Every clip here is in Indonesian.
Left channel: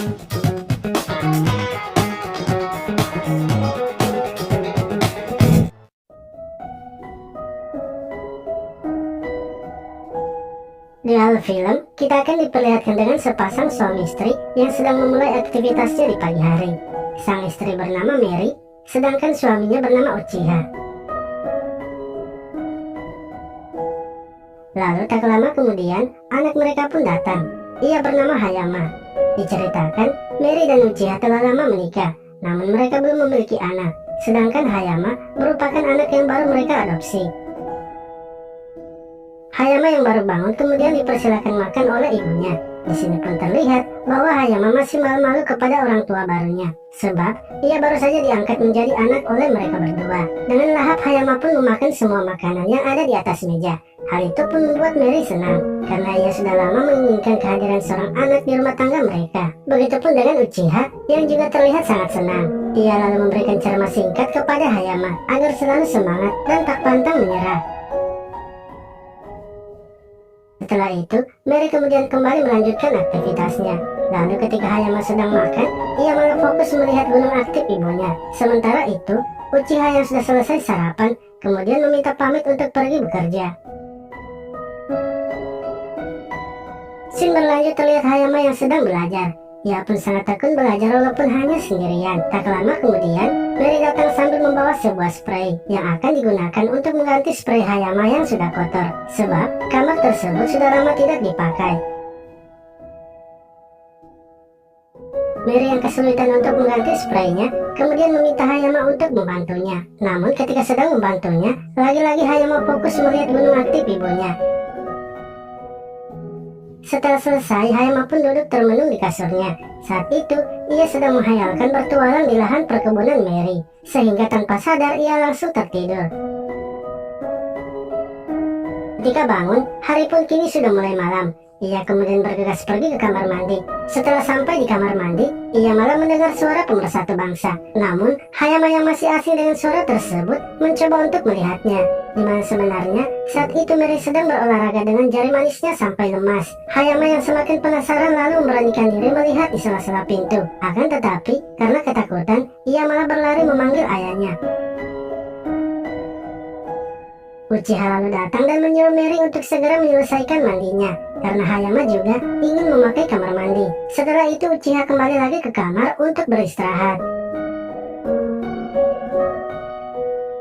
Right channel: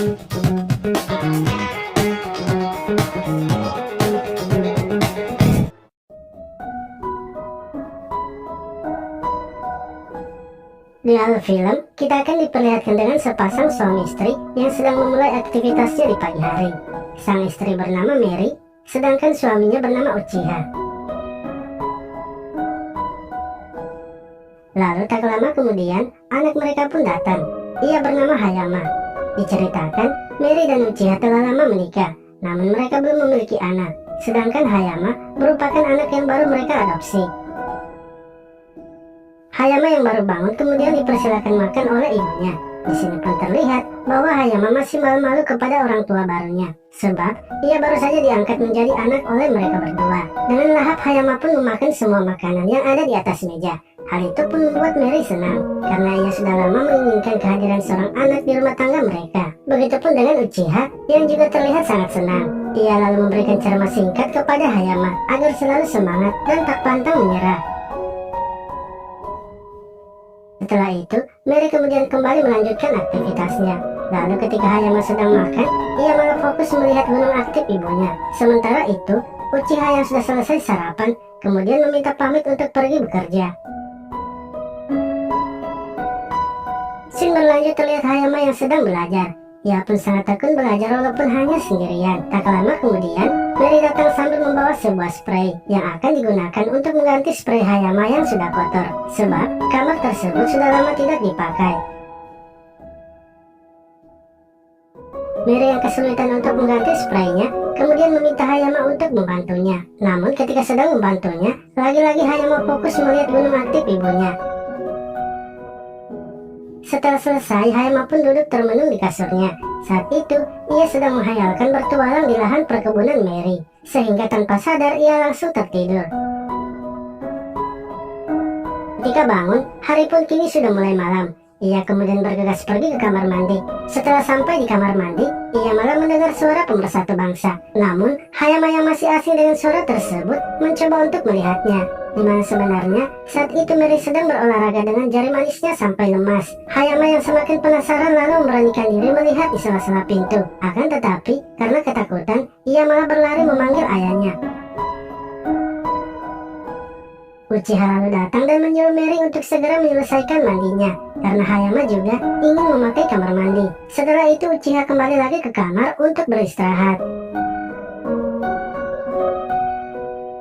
Di awal film, kita akan diperlihatkan dengan sepasang suami istri yang sedang memulai aktivitasnya di pagi hari. Sang istri bernama Mary, sedangkan suaminya bernama Uchiha. Lalu tak lama kemudian, anak mereka pun datang. Ia bernama Hayama. Diceritakan, Mary dan Uchiha telah lama menikah, namun mereka belum memiliki anak. Sedangkan Hayama merupakan anak yang baru mereka adopsi. Hayama yang baru bangun kemudian dipersilakan makan oleh ibunya. Di sini pun terlihat bahwa Hayama masih malu-malu kepada orang tua barunya, sebab ia baru saja diangkat menjadi anak oleh mereka berdua. Dengan lahap Hayama pun memakan semua makanan yang ada di atas meja. Hal itu pun membuat Mary senang, karena ia sudah lama menginginkan kehadiran seorang anak di rumah tangga mereka. Begitupun dengan Uchiha yang juga terlihat sangat senang. Ia lalu memberikan ceramah singkat kepada Hayama agar selalu semangat dan tak pantang menyerah. Setelah itu, Mary kemudian kembali melanjutkan aktivitasnya. Lalu ketika Hayama sedang makan, ia malah fokus melihat gunung aktif ibunya. Sementara itu, Uchiha yang sudah selesai sarapan, kemudian meminta pamit untuk pergi bekerja. Scene berlanjut terlihat Hayama yang sedang belajar. Ia pun sangat tekun belajar walaupun hanya sendirian. Tak lama kemudian, Mary datang sambil membawa sebuah spray yang akan digunakan untuk mengganti spray Hayama yang sudah kotor, sebab kamar tersebut sudah lama tidak dipakai. Mary yang kesulitan untuk mengganti spraynya, kemudian meminta Hayama untuk membantunya. Namun ketika sedang membantunya, lagi-lagi Hayama fokus melihat gunung aktif ibunya. Setelah selesai, Hayama pun duduk termenung di kasurnya. Saat itu, ia sedang menghayalkan bertualang di lahan perkebunan Mary, sehingga tanpa sadar ia langsung tertidur. Ketika bangun, hari pun kini sudah mulai malam. Ia kemudian bergegas pergi ke kamar mandi. Setelah sampai di kamar mandi, ia malah mendengar suara pemersatu bangsa. Namun, Hayama yang masih asing dengan suara tersebut mencoba untuk melihatnya. Di mana sebenarnya saat itu Mary sedang berolahraga dengan jari manisnya sampai lemas. Hayama yang semakin penasaran lalu memberanikan diri melihat di sela-sela pintu. Akan tetapi, karena ketakutan, ia malah berlari memanggil ayahnya. Uchiha lalu datang dan menyuruh Mary untuk segera menyelesaikan mandinya, karena Hayama juga ingin memakai kamar mandi. Setelah itu Uchiha kembali lagi ke kamar untuk beristirahat.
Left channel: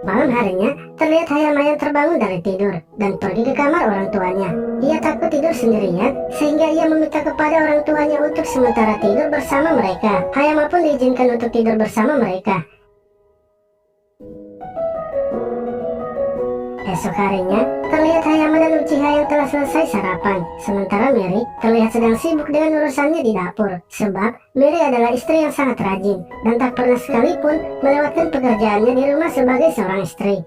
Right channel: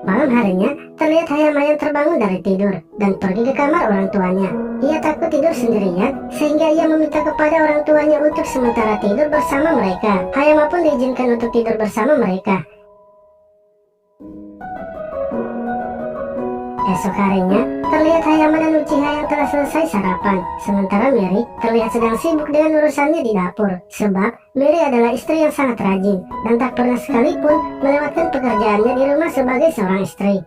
Malam harinya, terlihat Hayama yang terbangun dari tidur dan pergi ke kamar orang tuanya. Ia takut tidur sendirian, sehingga ia meminta kepada orang tuanya untuk sementara tidur bersama mereka. Hayama pun diizinkan untuk tidur bersama mereka. Esok harinya, terlihat Hayama dan Uchiha yang telah selesai sarapan. Sementara Mary terlihat sedang sibuk dengan urusannya di dapur. Sebab Mary adalah istri yang sangat rajin dan tak pernah sekalipun melewatkan pekerjaannya di rumah sebagai seorang istri.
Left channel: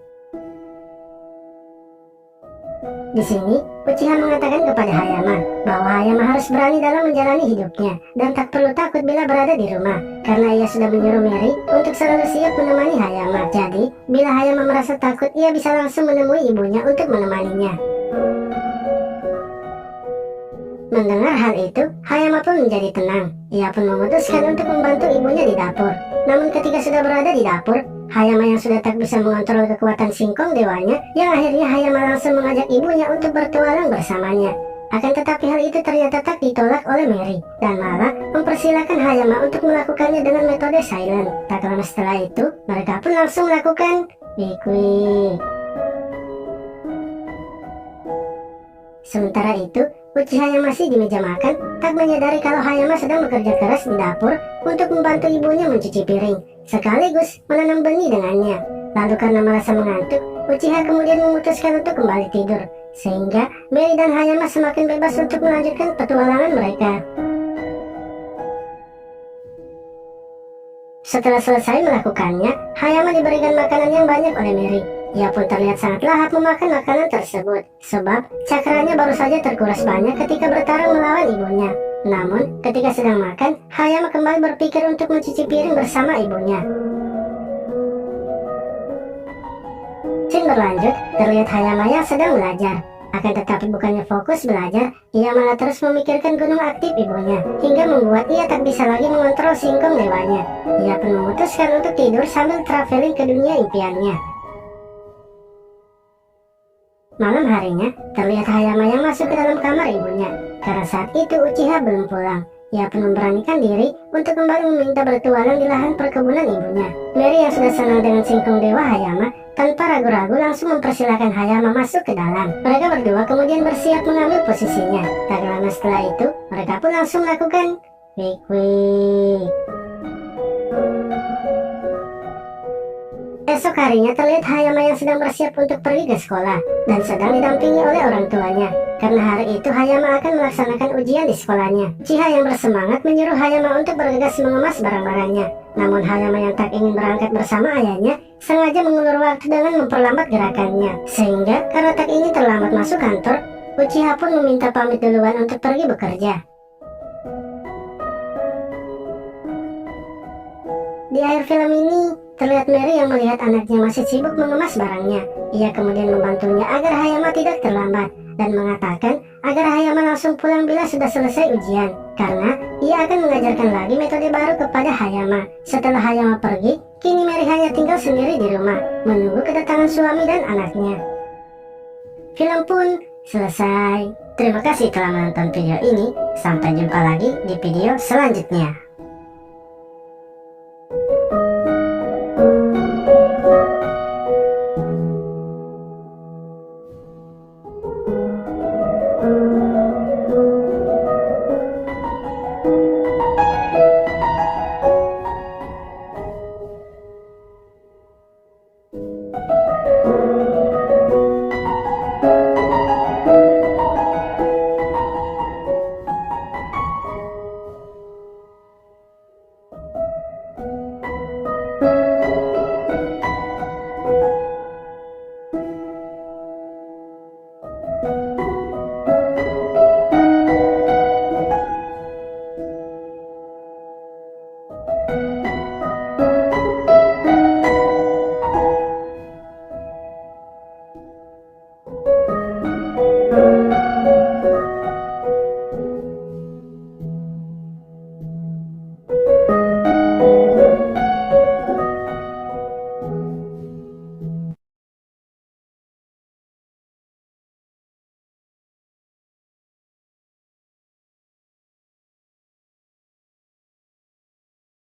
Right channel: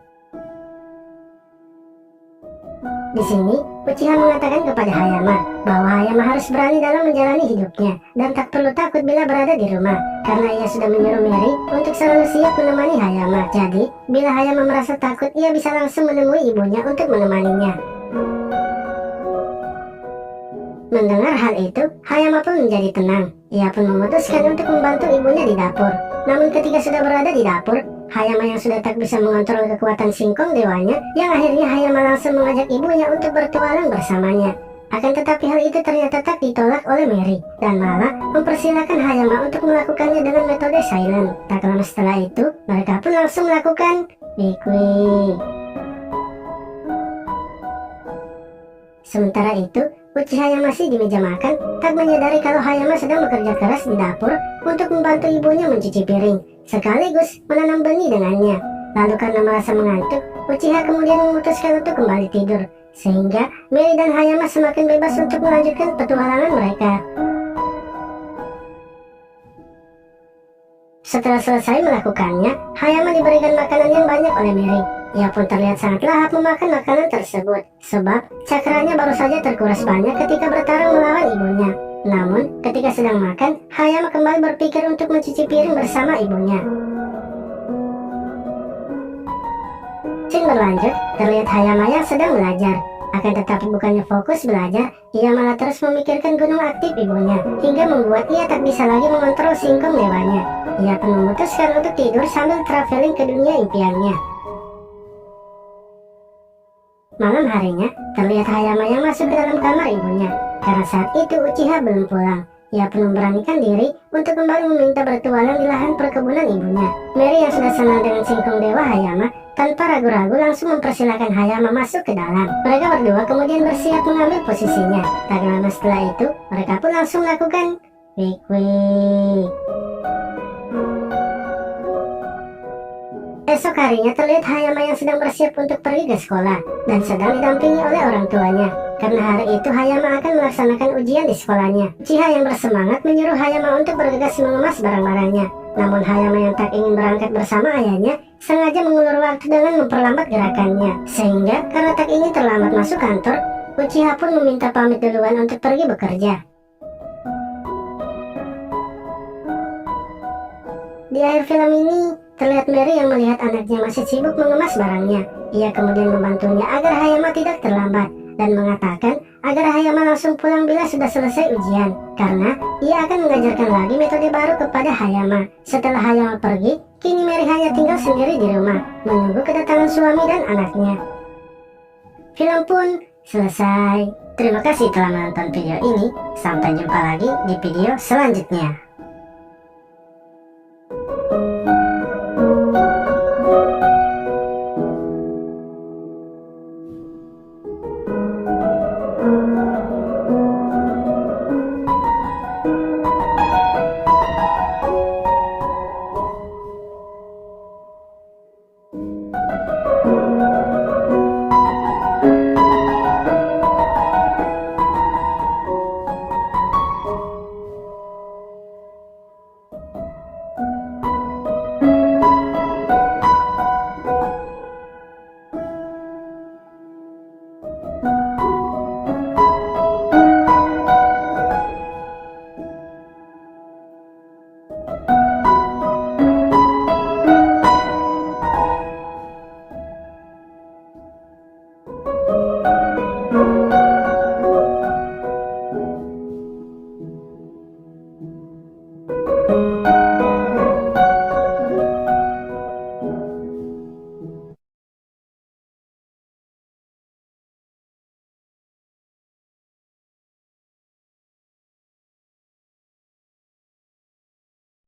Di sini, Uchiha mengatakan kepada Hayama bahwa Hayama harus berani dalam menjalani hidupnya dan tak perlu takut bila berada di rumah, karena ia sudah menyuruh Mary untuk selalu siap menemani Hayama. Jadi, bila Hayama merasa takut, ia bisa langsung menemui ibunya untuk menemaninya. Mendengar hal itu, Hayama pun menjadi tenang. Ia pun memutuskan untuk membantu ibunya di dapur. Namun ketika sudah berada di dapur, Hayama yang sudah tak bisa mengontrol kekuatan singkong dewanya, yang akhirnya Hayama langsung mengajak ibunya untuk bertualang bersamanya. Akan tetapi hal itu ternyata tak ditolak oleh Mary, dan malah mempersilahkan Hayama untuk melakukannya dengan metode silent. Tak lama setelah itu, mereka pun langsung melakukan wik-wik. Sementara itu, Uchiha yang masih di meja makan tak menyadari kalau Hayama sedang bekerja keras di dapur untuk membantu ibunya mencuci piring, sekaligus menanam benih dengannya. Lalu karena merasa mengantuk, Uchiha kemudian memutuskan untuk kembali tidur, sehingga Mary dan Hayama semakin bebas untuk melanjutkan petualangan mereka. Setelah selesai melakukannya, Hayama diberikan makanan yang banyak oleh Mary. Ia pun terlihat sangat lahap memakan makanan tersebut, sebab cakranya baru saja terkuras banyak ketika bertarung melawan ibunya. Namun, ketika sedang makan, Hayama kembali berpikir untuk mencuci piring bersama ibunya. Scene berlanjut, terlihat Hayama yang sedang belajar. Akan tetapi bukannya fokus belajar, ia malah terus memikirkan gunung aktif ibunya, hingga membuat ia tak bisa lagi mengontrol singkong dewanya. Ia pun memutuskan untuk tidur sambil traveling ke dunia impiannya. Malam harinya, terlihat Hayama yang masuk ke dalam kamar ibunya. Karena saat itu Uchiha belum pulang. Ia pun memberanikan diri untuk kembali meminta bertualang di lahan perkebunan ibunya. Mary yang sudah senang dengan singkong dewa Hayama, tanpa ragu-ragu langsung mempersilahkan Hayama masuk ke dalam. Mereka berdua kemudian bersiap mengambil posisinya. Tak lama setelah itu, mereka pun langsung melakukan wik-wik. Esok harinya terlihat Hayama yang sedang bersiap untuk pergi ke sekolah dan sedang didampingi oleh orang tuanya. Karena hari itu Hayama akan melaksanakan ujian di sekolahnya. Uchiha yang bersemangat menyuruh Hayama untuk bergegas mengemas barang-barangnya. Namun Hayama yang tak ingin berangkat bersama ayahnya sengaja mengulur waktu dengan memperlambat gerakannya. Sehingga karena tak ingin terlambat masuk kantor, Uchiha pun meminta pamit duluan untuk pergi bekerja. Di akhir film ini, terlihat Mary yang melihat anaknya masih sibuk mengemas barangnya. Ia kemudian membantunya agar Hayama tidak terlambat dan mengatakan agar Hayama langsung pulang bila sudah selesai ujian, karena ia akan mengajarkan lagi metode baru kepada Hayama. Setelah Hayama pergi, kini Mary hanya tinggal sendiri di rumah, menunggu kedatangan suami dan anaknya. Film pun selesai. Terima kasih telah menonton video ini. Sampai jumpa lagi di video selanjutnya.